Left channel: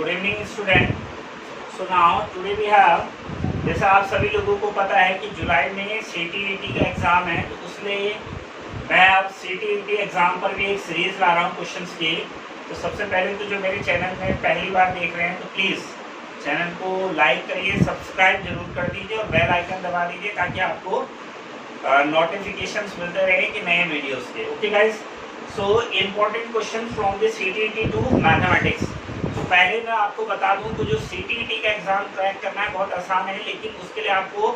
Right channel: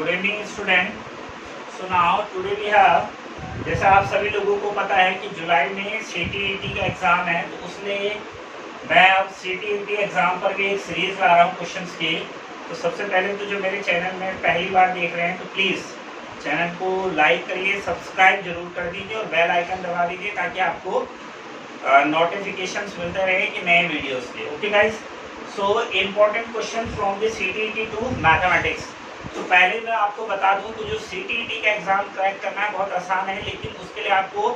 Good evening student. So now today we have, जैसा आप सभी लोगों को पता है कि जुलाई में CTET का एग्ज़ाम है, तो उसलिए मैं अब CTET एग्ज़ाम पर भी एक सीरीज़ ला रहा हूँ क्वेश्चंस की। तो सबसे पहले तो जो मेरे चैनल में पहली बार देख रहे हैं तो प्लीज़ चैनल को लाइक करिए, सब्सक्राइब जरूर कर दीजिए और बेल आइकन दबा दीजिए ताकि आपको नोटिफिकेशंस मिलते रहे कि नए वीडियोस के। Okay guys, so important question from the CTET two mathematics. तो पहले मैं आपको बता दूं कि जो CTET का एग्ज़ाम क्रैक करना है बहुत आसान है, लेकिन उसके लिए आपको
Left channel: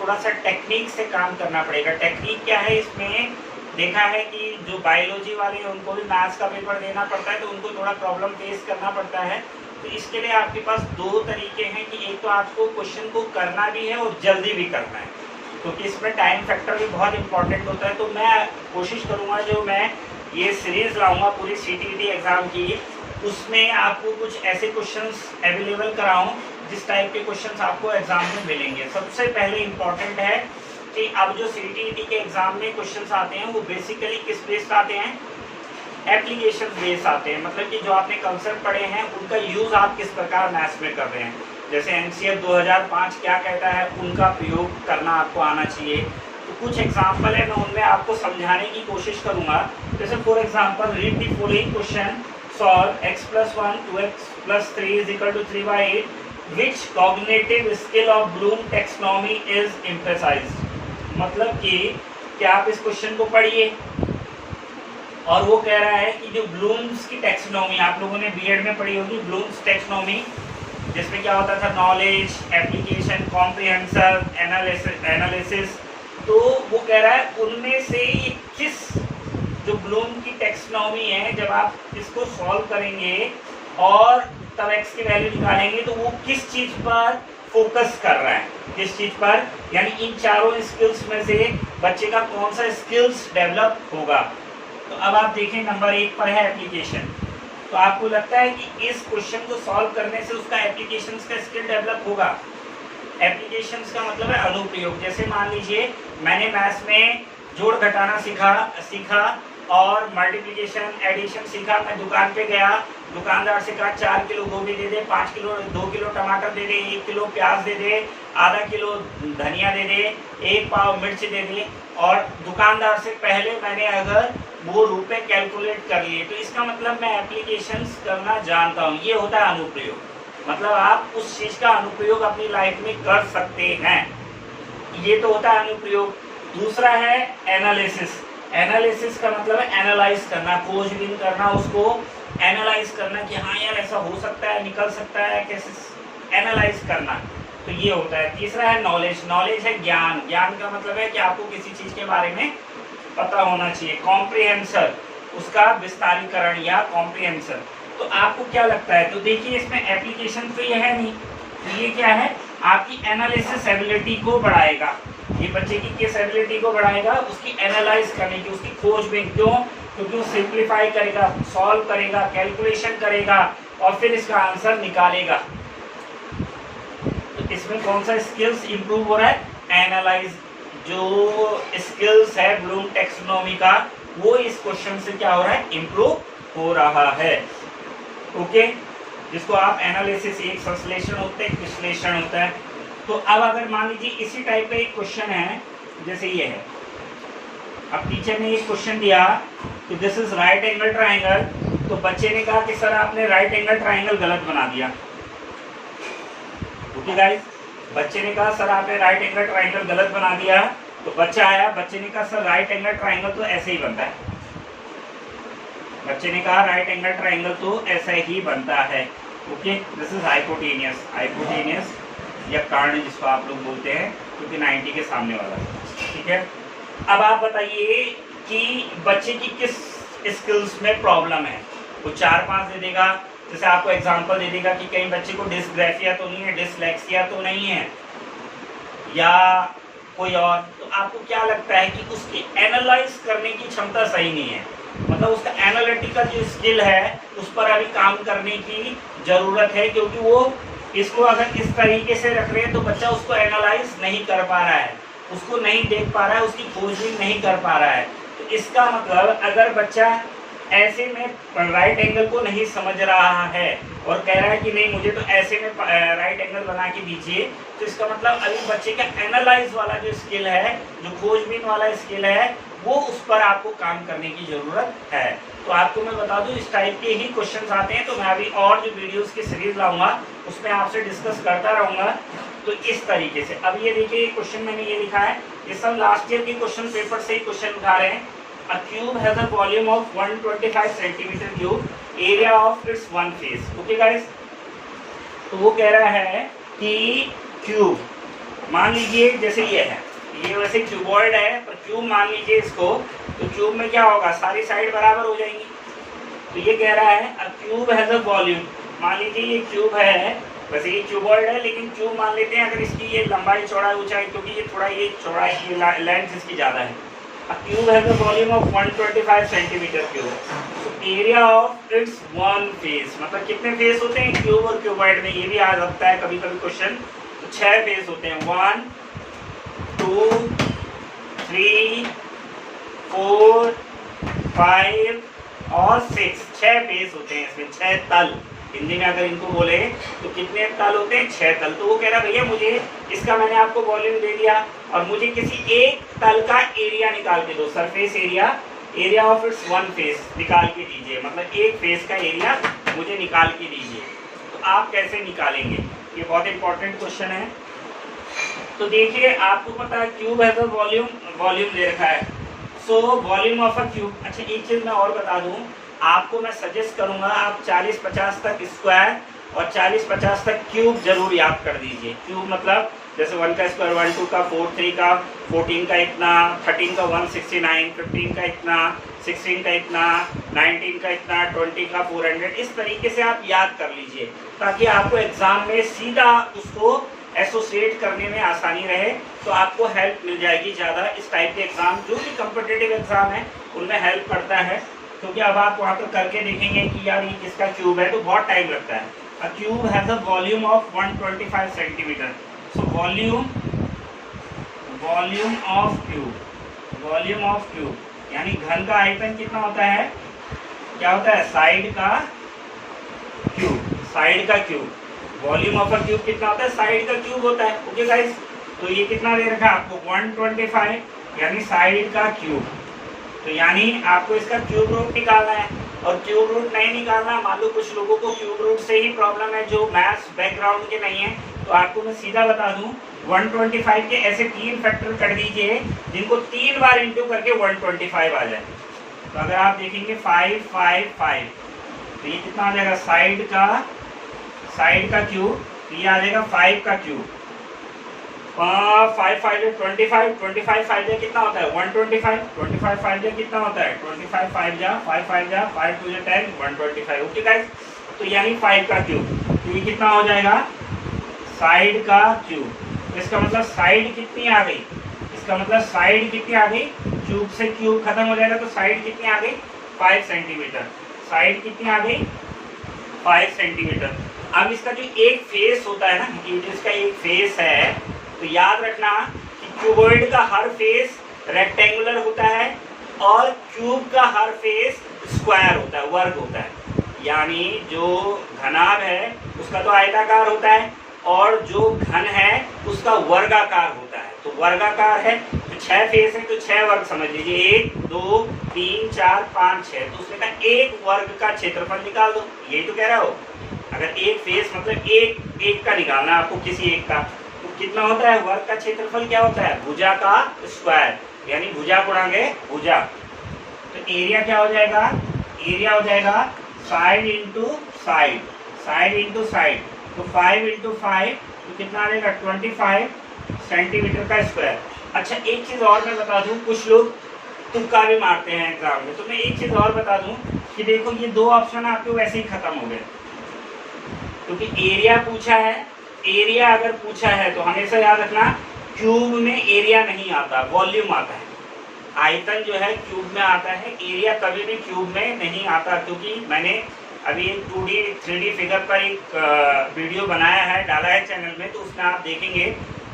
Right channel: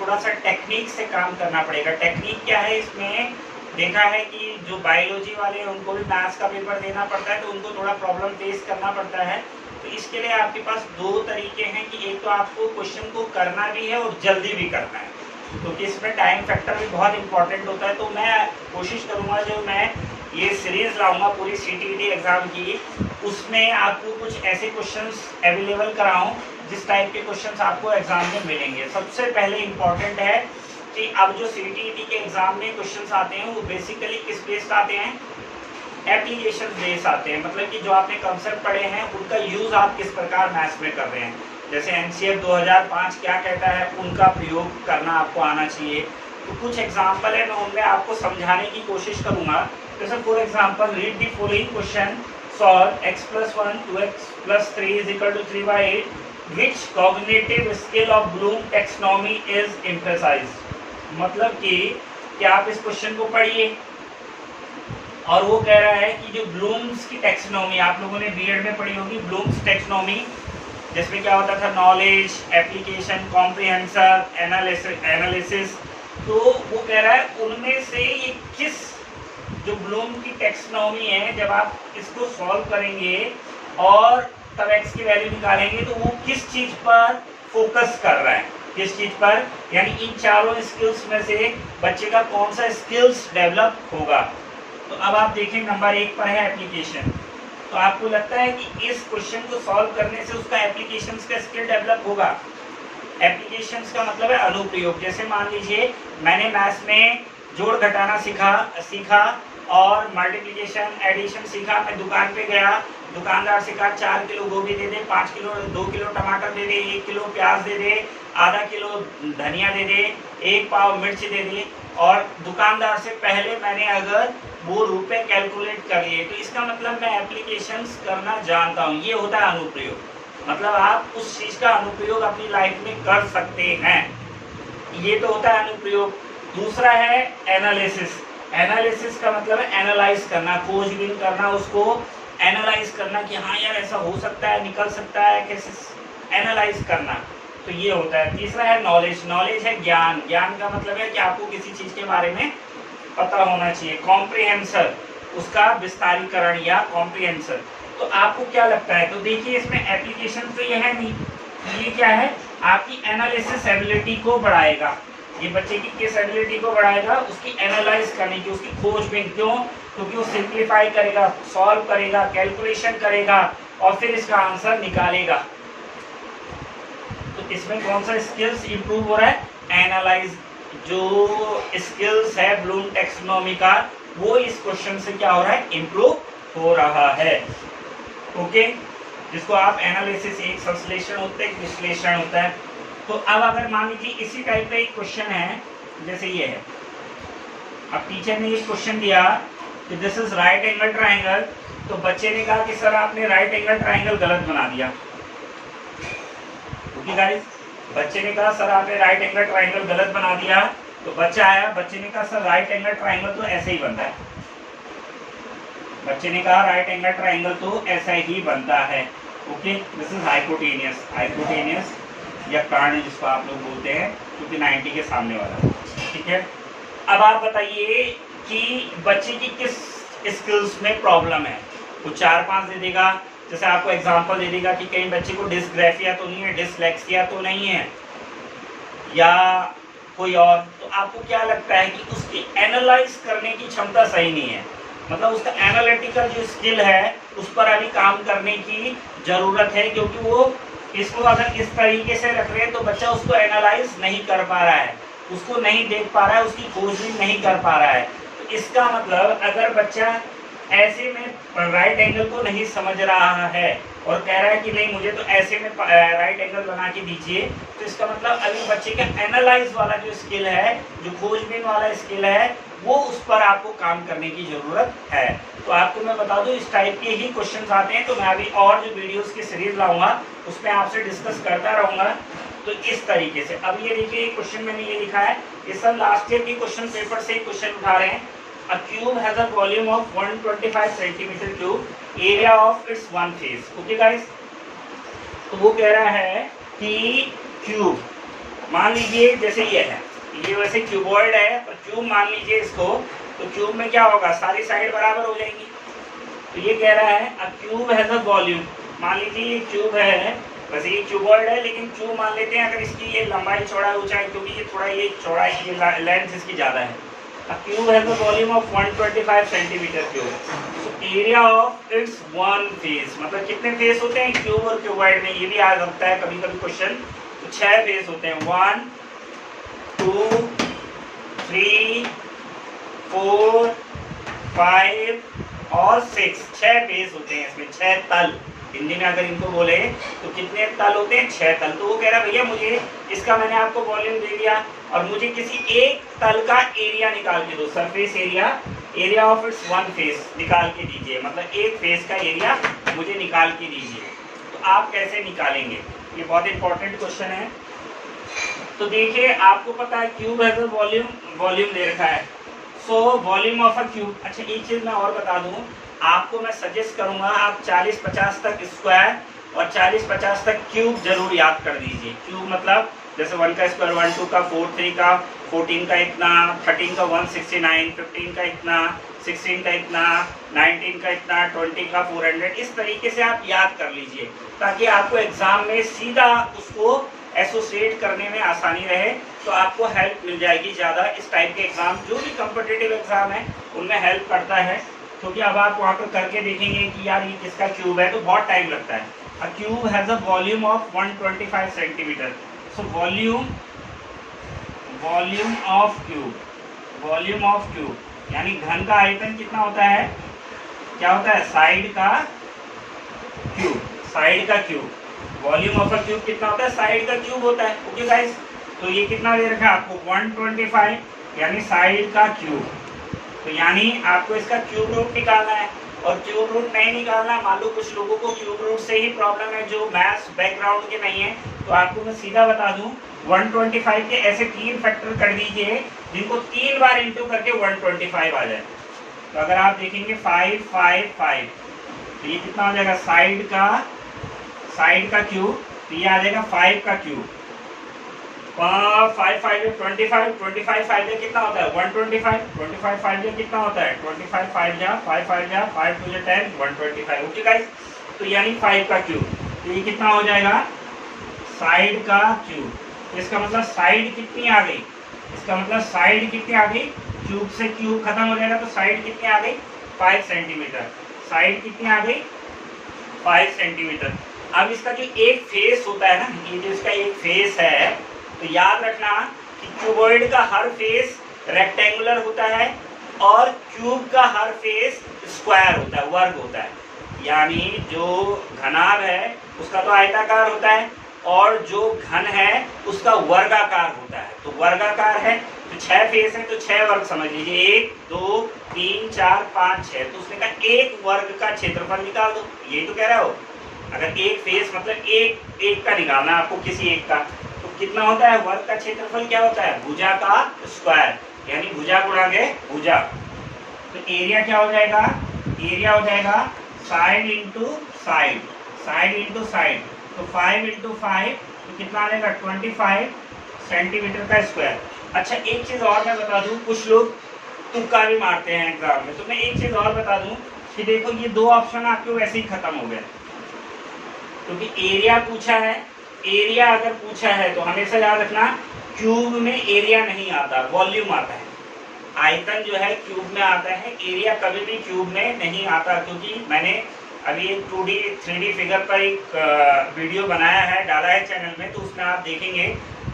थोड़ा सा टेक्निक से काम करना पड़ेगा। टेक्निक क्या है, इसमें देखा है कि जो बायोलॉजी वाले हैं उनको भी मैथ्स का पेपर देना पड़ता है, तो उनको थोड़ा प्रॉब्लम फेस करना पड़ता है। तो इसके लिए आपके पास दो तरीके हैं कि एक तो आपको क्वेश्चन को करना भी है और जल्दी भी करना है, क्योंकि इसमें टाइम फैक्टर भी बहुत इंपॉर्टेंट होता है। तो मैं कोशिश करूँगा जो मैं ये सीरीज़ लाऊंगा पूरी CTET एग्ज़ाम की, उसमें आपको कुछ ऐसे क्वेश्चंस अवेलेबल कराऊं जिस टाइप के क्वेश्चंस आपको एग्जाम में मिलेंगे। सबसे पहले इम्पॉर्टेंट है कि अब जो CTET के एग्ज़ाम में क्वेश्चंस आते हैं वो बेसिकली किस बेस्ड आते हैं, एप्लीकेशन बेस आते हैं। मतलब कि जो आपने कंसेप्ट पढ़े हैं उनका यूज़ आप किस प्रकार मैथ्स में कर रहे हैं। जैसे NCF 2005 क्या कहता है, उनका प्रयोग करना आपको आना चाहिए। तो कुछ एग्जाम्पल है, मैं उनमें आपको समझाने की कोशिश करूँगा। जैसे for example, read the following question, solve x+1 2x+3 = 3/8, which cognitive skill of Bloom taxonomy is emphasized। मतलब कि क्या आप इस क्वेश्चन को पढ़िए और वो कह रहा है कि जो ब्लूम्स की टैक्सोनॉमी, आप लोगों ने बीएड में पढ़ी होगी ब्लूम्स टैक्सोनॉमी, जिसमें क्या होता था, नॉलेज, एप्लीकेशन, कॉम्प्रिहेंशन, एनालिसिस। तो वो कह रहा है उनमें से ये किस, जो ब्लूम की टैक्सोनॉमी है, जब आप इसको सॉल्व करेंगे और तब x की वैल्यू निकालेंगे तो वो किस चीज़ पर फोकस कर रहा है, किस चीज़ पर, यानी इन चारों स्किल्स में से बच्चे का कौन सा स्किल्स डेवलप होगा। तो अब आप देखें नंबर 1 पर है एप्लीकेशन। तो आपको लगता है कि इस क्वेश्चन को सॉल्व करने से उसका एप्लीकेशंस का स्किल डेवलप होगा। एप्लीकेशंस का मतलब है अनुप्रयोग। जैसे मान लीजिए मैंने मैथ्स में जोड़ घटाना सीखा और मल्टीप्लिकेशन एडिशन सीखा। मैं दुकान पे गया, दुकानदार से कहा 4 किलो गोभी दे दे, 5 किलो 2 किलो टमाटर दे दे, 1 किलो प्याज दे दे, आधा किलो धनिया दे दे, 1 पाव मिर्च दे दे। और दुकानदार से पहले मैंने अगर वो रुपए कैलकुलेट कर लिए, तो इसका मतलब मैं एप्लीकेशंस करना जानता हूँ। ये होता है अनुप्रयोग। मतलब आप उस चीज़ का अनुप्रयोग अपनी लाइफ में कर सकते हैं, ये तो होता है अनुप्रयोग। दूसरा है एनालिसिस। एनालिसिस का मतलब है एनालाइज करना, खोजबीन करना, उसको एनालाइज करना कि हाँ यार ऐसा हो सकता है, निकल सकता है, कैसे एनालाइज करना। तो ये होता है। तीसरा है नॉलेज। नॉलेज है ज्ञान। ज्ञान का मतलब है कि आपको किसी चीज़ के बारे में पता होना चाहिए। कॉम्प्रिहेंसर, उसका विस्तारीकरण या कॉम्प्रिहेंसर। तो आपको क्या लगता है, तो देखिए इसमें एप्लीकेशन तो ये है नहीं, ये क्या है, आपकी एनालिसिस एबिलिटी को बढ़ाएगा। ये बच्चे की किस एबिलिटी को बढ़ाएगा, उसकी एनालाइज करने की, उसकी खोजबीन। क्यों? क्योंकि वो सिंप्लीफाई करेगा, सॉल्व करेगा, कैलकुलेशन करेगा और फिर इसका आंसर निकालेगा। तो इसमें कौन सा स्किल्स इंप्रूव हो रहा है, एनालाइज। जो स्किल्स है ब्लूम टैक्सोनॉमी का, वो इस क्वेश्चन से क्या हो रहा है, इंप्रूव हो रहा है। ओके, जिसको आप एनालिसिस, एक संश्लेषण होता है, एक विश्लेषण होता है। तो अब अगर मान लीजिए इसी टाइप का एक क्वेश्चन है, जैसे ये है, अब टीचर ने एक क्वेश्चन दिया कि this is right angle triangle. तो बच्चे ने कहा कि सर आपने राइट एंगल ट्राइंगल गलत बना दिया। ओके गाइस, बच्चे ने कहा सर आपने राइट एंगल ट्राइंगल गलत बना दिया। तो बच्चा आया, बच्चे ने कहा सर राइट एंगल ट्राइंगल तो ऐसे ही बनता है। बच्चे ने कहा राइट एंगल ट्राइंगल तो ऐसा ही बनता है। Okay, this is hypotenuse. Hypotenuse या कर्ण जिसको आप लोग बोलते हैं, क्योंकि 90 के सामने वाला। ठीक है, अब आप बताइए कि बच्चे की किस स्किल्स में प्रॉब्लम है। वो 4-5 दे देगा, जैसे आपको एग्जांपल दे देगा कि कहीं बच्चे को डिस्ग्राफिया तो नहीं है, डिसलेक्सिया तो नहीं है, या कोई और। तो आपको क्या लगता है कि उसकी एनालाइज करने की क्षमता सही नहीं है, मतलब उसका एनालिटिकल जो स्किल है उस पर अभी काम करने की ज़रूरत है। क्योंकि वो इसको अगर इस तरीके से रख रहे हैं तो बच्चा उसको एनालाइज नहीं कर पा रहा है, उसको नहीं देख पा रहा है, उसकी खोजबीन नहीं कर पा रहा है। तो इसका मतलब अगर बच्चा ऐसे में राइट एंगल को नहीं समझ रहा है और कह रहा है कि नहीं मुझे तो ऐसे में राइट एंगल बना के दीजिए, तो इसका मतलब अभी बच्चे का एनालाइज वाला जो स्किल है, जो खोजबीन वाला स्किल है, वो उस पर आपको काम करने की ज़रूरत है। तो आपको मैं बता दूं इस टाइप के ही क्वेश्चंस आते हैं, तो मैं अभी और जो वीडियोस की सीरीज लाऊंगा उसमें आपसे डिस्कस करता रहूँगा। तो इस तरीके से अब ये देखिए क्वेश्चन मैंने ये लिखा है, ये सब लास्ट ईयर के क्वेश्चन पेपर से ही क्वेश्चन उठा रहे हैं। A cube has a volume of 125 centimeter cube, area of its one face. Okay guys? तो वो कह रहा है कि क्यूब मान लीजिए जैसे ये है, ये वैसे क्यूबॉइड है पर क्यूब मान लीजिए इसको, तो क्यूब में क्या होगा, सारी साइड बराबर हो जाएंगी। तो ये कह रहा है a cube has a volume, मान लीजिए ये क्यूब है, वैसे ये क्यूबॉइड है लेकिन क्यूब मान लेते हैं, अगर इसकी ये लंबाई चौड़ाई ऊंचाई, क्योंकि ये थोड़ा ये चौड़ाई की लेंथ इसकी ज़्यादा है। A cube has a volume of 125 centimeter cube. So area of its one face, मतलब कितने फेस होते हैं क्यूब और क्यूबॉइड में, ये भी आ सकता है कभी कभी क्वेश्चन। तो 6 फेस होते हैं, 1 2 3 4 5 और 6, 6 फेस होते हैं इसमें, 6 तल। हिंदी में अगर इनको बोले तो कितने तल होते हैं, 6 तल। तो वो कह रहा भैया मुझे इसका, मैंने आपको वॉल्यूम दे दिया और मुझे किसी एक तल का एरिया निकाल के दो, surface area, area of its one face निकाल के दीजिए, मतलब एक फेस का एरिया मुझे निकाल के दीजिए। तो आप कैसे निकालेंगे, ये बहुत इंपॉर्टेंट क्वेश्चन है। तो देखिए आपको पता है क्यूब है तो वॉल्यूम दे रखा है, so volume of a cube. अच्छा एक चीज़ मैं और बता दूँ आपको, मैं सजेस्ट करूँगा आप 40-50 तक स्क्वायर और 40-50 तक क्यूब जरूर याद कर दीजिए। क्यूब मतलब जैसे 1 का स्क्वायर 1, 2 का 4, 3 का 14 का इतना, 13 का 169, 15 का इतना, 16 का इतना, 19 का इतना, 20 का 400, इस तरीके से आप याद कर लीजिए ताकि आपको एग्जाम में सीधा उसको एसोसिएट करने में आसानी रहे, तो आपको हेल्प मिल जाएगी ज़्यादा। इस टाइप के एग्जाम जो भी कॉम्पिटिटिव एग्जाम है उनमें हेल्प करता है, क्योंकि अब आप वहाँ पर करके देखेंगे कि यार ये किसका क्यूब है, तो बहुत टाइम लगता है। अ cube has a volume of 125 centimetre. So volume of cube यानी घन का आयतन कितना होता है, क्या होता है, साइड का cube. Volume of a cube कितना होता है, साइड का क्यूब होता है। ओके गाइस, तो ये कितना दे रखा है आपको, 125 यानी साइड का क्यूब। तो यानी आपको इसका क्यूब रूट निकालना है, और क्यूब रूट नहीं निकालना, मान लो कुछ लोगों को क्यूब रूट से ही प्रॉब्लम है जो मैथ्स बैकग्राउंड के नहीं है, तो आपको मैं सीधा बता दूं 125 के ऐसे 3 फैक्टर कर दीजिए जिनको 3 बार इंटू करके 125 आ जाए। तो अगर आप देखेंगे 5 5 5, तो ये कितना आ जाएगा, साइड का क्यूब, तो ये आ जाएगा 5 का क्यूब। 5 5 25, 25 5 जा कितना होता है 125, 25 5 जा कितना होता है 25, 5 जा 5 5 जा 5 2 जा 10, 125। ओके गाइस, तो यानी 5 का क्यूब, तो ये कितना हो जाएगा, साइड का क्यूब। इसका मतलब साइड कितनी आ गई, क्यूब से क्यूब खत्म हो जाएगा, तो साइड कितनी आ गई, 5 सेंटीमीटर। साइड कितनी आ गई, 5 सेंटीमीटर। अब इसका जो एक फेस होता है ना, ये जो इसका एक फेस है, तो याद रखना कि क्यूबॉइड का हर फेस रेक्टेंगुलर होता है और क्यूब का हर फेस स्क्वायर होता है, वर्ग होता है। यानी जो घनाभ है उसका तो आयताकार होता है और जो घन है उसका वर्गाकार होता है। तो वर्गाकार है तो 6 फेस है, तो 6 वर्ग समझ लीजिए, 1 2 3 4 5 6, तो उसने कहा एक वर्ग का क्षेत्रफल निकाल दो। यही तो कह रहा हो, अगर एक फेस मतलब एक का निकालना है आपको, किसी एक का, तो कितना होता है, वर्ग का क्षेत्रफल क्या होता है, भुजा का स्क्वायर, यानी भुजा गुणांगे भुजा। तो एरिया क्या हो जाएगा, एरिया हो जाएगा साइड इंटू साइड, तो 5 इंटू 5 तो कितना आ जाएगा 25 सेंटीमीटर का स्क्वायर। अच्छा एक चीज़ और मैं बता दूं, कुछ लोग तुक्का भी मारते हैं एग्जाम में, तो मैं एक चीज़ और बता दूं कि देखो ये 2 ऑप्शन आपके वैसे ही खत्म हो गए, क्योंकि एरिया पूछा है। एरिया अगर पूछा है तो हमेशा याद रखना क्यूब में एरिया नहीं आता, वॉल्यूम आता है। आयतन जो है क्यूब में आता है, एरिया कभी भी क्यूब में नहीं आता, क्योंकि मैंने अभी एक 2D 3D फिगर पर एक वीडियो बनाया है, डाला है चैनल में, तो उसमें आप देखेंगे,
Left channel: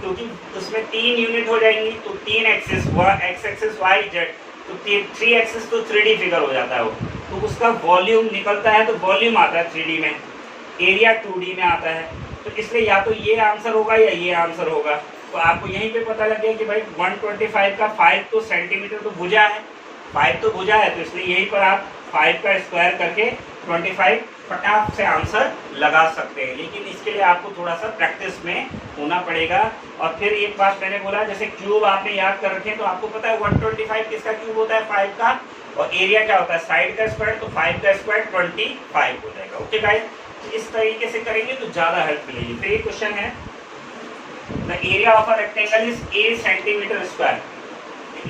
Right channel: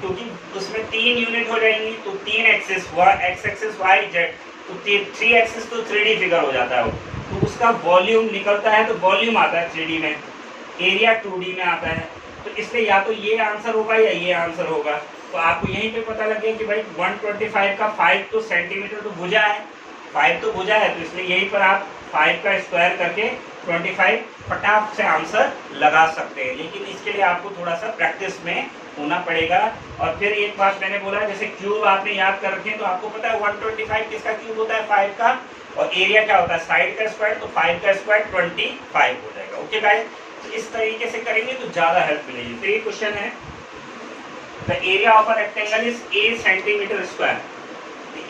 क्योंकि उसमें 3 यूनिट हो जाएंगी, तो 3 axis, X axis Y Z, तो 3 एक्सिस तो 3D फिगर हो जाता है वो, तो उसका वॉल्यूम निकलता है, तो वॉल्यूम आता है 3D में, एरिया 2D में आता है। तो इसलिए या तो ये आंसर होगा या ये आंसर होगा। तो आपको यहीं पे पता लग गया कि भाई 125 का 5 तो सेंटीमीटर तो भुजा है, 5 तो भुजा है, तो इसलिए यहीं पर आप 5 का स्क्वायर करके 25 फटाक से आंसर लगा सकते हैं। लेकिन इसके लिए आपको थोड़ा सा प्रैक्टिस में होना पड़ेगा। और फिर एक बात मैंने बोला, जैसे क्यूब आपने याद कर रखे हैं, तो आपको पता है 125 किसका क्यूब होता है, 5 का, और एरिया क्या होता है, साइड का स्क्वायर, तो 5 का स्क्वायर 25 हो जाएगा। ओके गाइस, तो इस तरीके से करेंगे तो ज्यादा हेल्प मिलेगी। फिर ये क्वेश्चन है, the area of a rectangle is 8 centimetre square.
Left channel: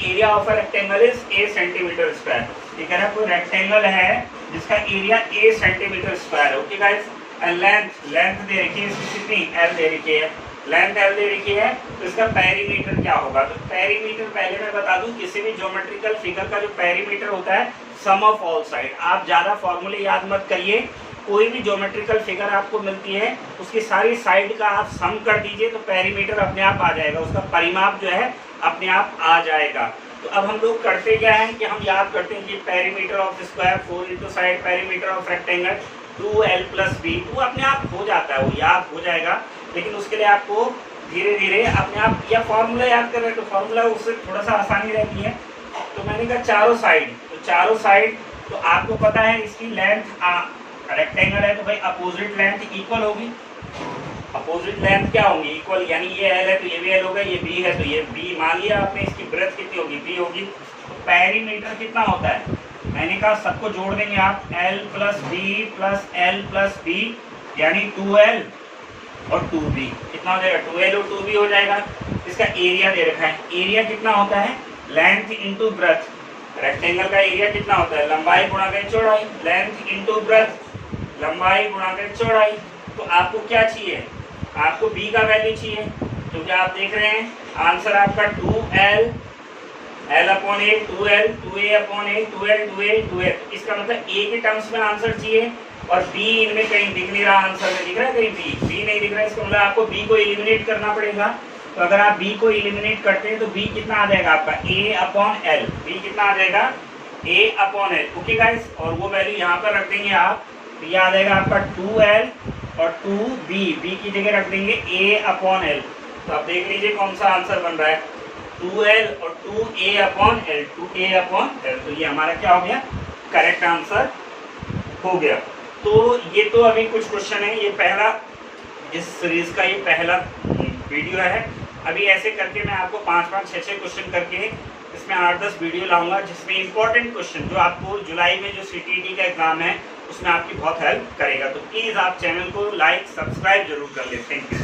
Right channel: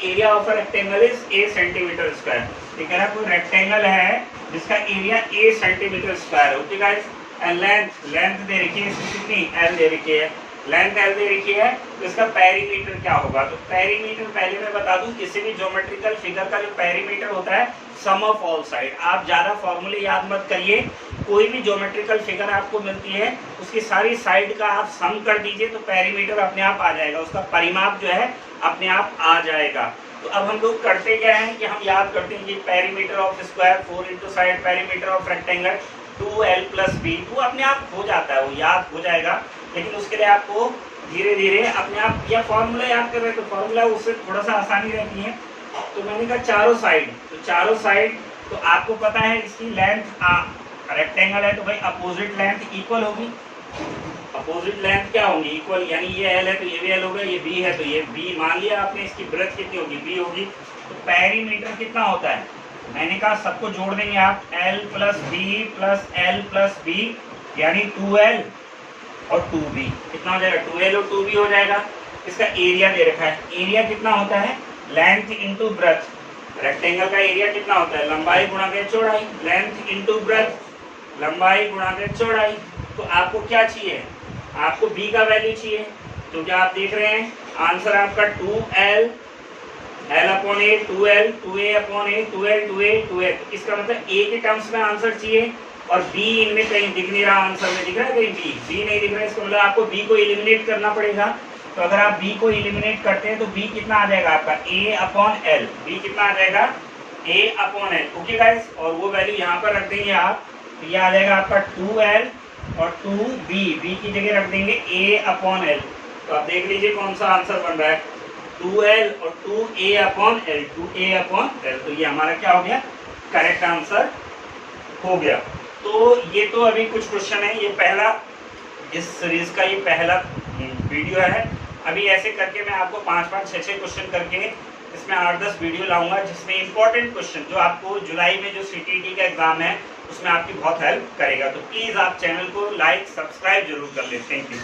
Area of a rectangle is 8 centimetre square. ये कह रहा है कोई रेक्टेंगल है जिसका एरिया 8 सेंटीमीटर स्क्वायर है। ओके गाइस, एंड लेंथ दे रखी है इसकी कितनी, एल दे रखी है, लेंथ एल दे रखी है, तो इसका पेरीमीटर क्या होगा। तो पेरीमीटर पहले मैं बता दूं, किसी भी ज्योमेट्रिकल फिगर का जो पेरीमीटर होता है, सम ऑफ ऑल साइड। आप ज्यादा फॉर्मूले याद मत करिए, कोई भी ज्योमेट्रिकल फिगर आपको मिलती है उसकी सारी साइड का आप सम कर दीजिए तो पेरीमीटर अपने आप आ जाएगा, उसका परिमाप जो है अपने आप आ जाएगा। तो अब हम लोग करते क्या है कि हम याद करते हैं कि perimeter of square 4 into side perimeter of rectangle 2l + b, वो अपने आप हो जाता है, वो याद हो जाएगा। लेकिन उसके लिए आपको धीरे धीरे अपने आप, या फॉर्मूला याद कर रहे हैं तो फॉर्मूला उससे थोड़ा सा आसानी रहती है। तो मैंने कहा चारों साइड, तो चारों साइड, तो आपको पता है इसकी लेंथ, रेक्टेंगल है तो भाई अपोजिट लेंथ इक्वल होगी। अपोजिट लेंथ क्या होगी, इक्वल, यानी ये एल है तो ये भी एल होगा, ये बी है तो ये बी, मान लिया आपने, इसकी ब्रेथ कितनी होगी, बी होगी। तो पेरीमीटर कितना होता है, मैंने कहा सबको जोड़ देंगे आप, l + b + l + b, यानी 2l और 2b, कितना हो जाएगा, 2l और 2b हो जाएगा। इसका एरिया दे रखा है, एरिया कितना होता है, लेंथ इंटू ब्रेथ। रेक्टेंगल का एरिया कितना होता है, लंबाई गुणा में चौड़ाई, लेंथ इंटू ब्रेथ, लंबाई गुणा में चौड़ाई। तो आपको क्या चाहिए, आपको b का वैल्यू चाहिए, तो क्या आप देख रहे हैं आंसर आपका 2l, l/a 2l, 2a/a 2l, 2a 2a। तो इसका मतलब a के टर्म्स में आंसर चाहिए, और b इनमें कहीं दिख नहीं रहा, आंसर में दिख रहा है कहीं b नहीं दिख रहा है, इसका मतलब आपको b को एलिमिनेट करना पड़ेगा। तो अगर आप b को एलिमिनेट करते हैं तो b कितना आ जाएगा आपका, a/l, b कितना आ जाएगा, a/l। ओके गाइस, और वो वैल्यू यहाँ पर रख देंगे आप, तो ये आ जाएगा आपका 2l और 2b, b की जगह रख देंगे a/l। तो आप देख लीजिए कौन सा आंसर बन रहा है, 2l और 2a/l, 2a/l। तो ये हमारा क्या हो गया, करेक्ट आंसर हो गया। तो ये तो अभी कुछ क्वेश्चन है, ये पहला इस सीरीज का ये पहला वीडियो है। अभी ऐसे करके मैं आपको 5-5, 6-6 क्वेश्चन करके इसमें 8-10 वीडियो लाऊंगा, जिसमें इंपॉर्टेंट क्वेश्चन जो आपको जुलाई में जो CTET का एग्जाम है उसमें आपकी बहुत हेल्प करेगा। तो प्लीज़ आप चैनल को लाइक सब्सक्राइब जरूर कर लें। Thank you.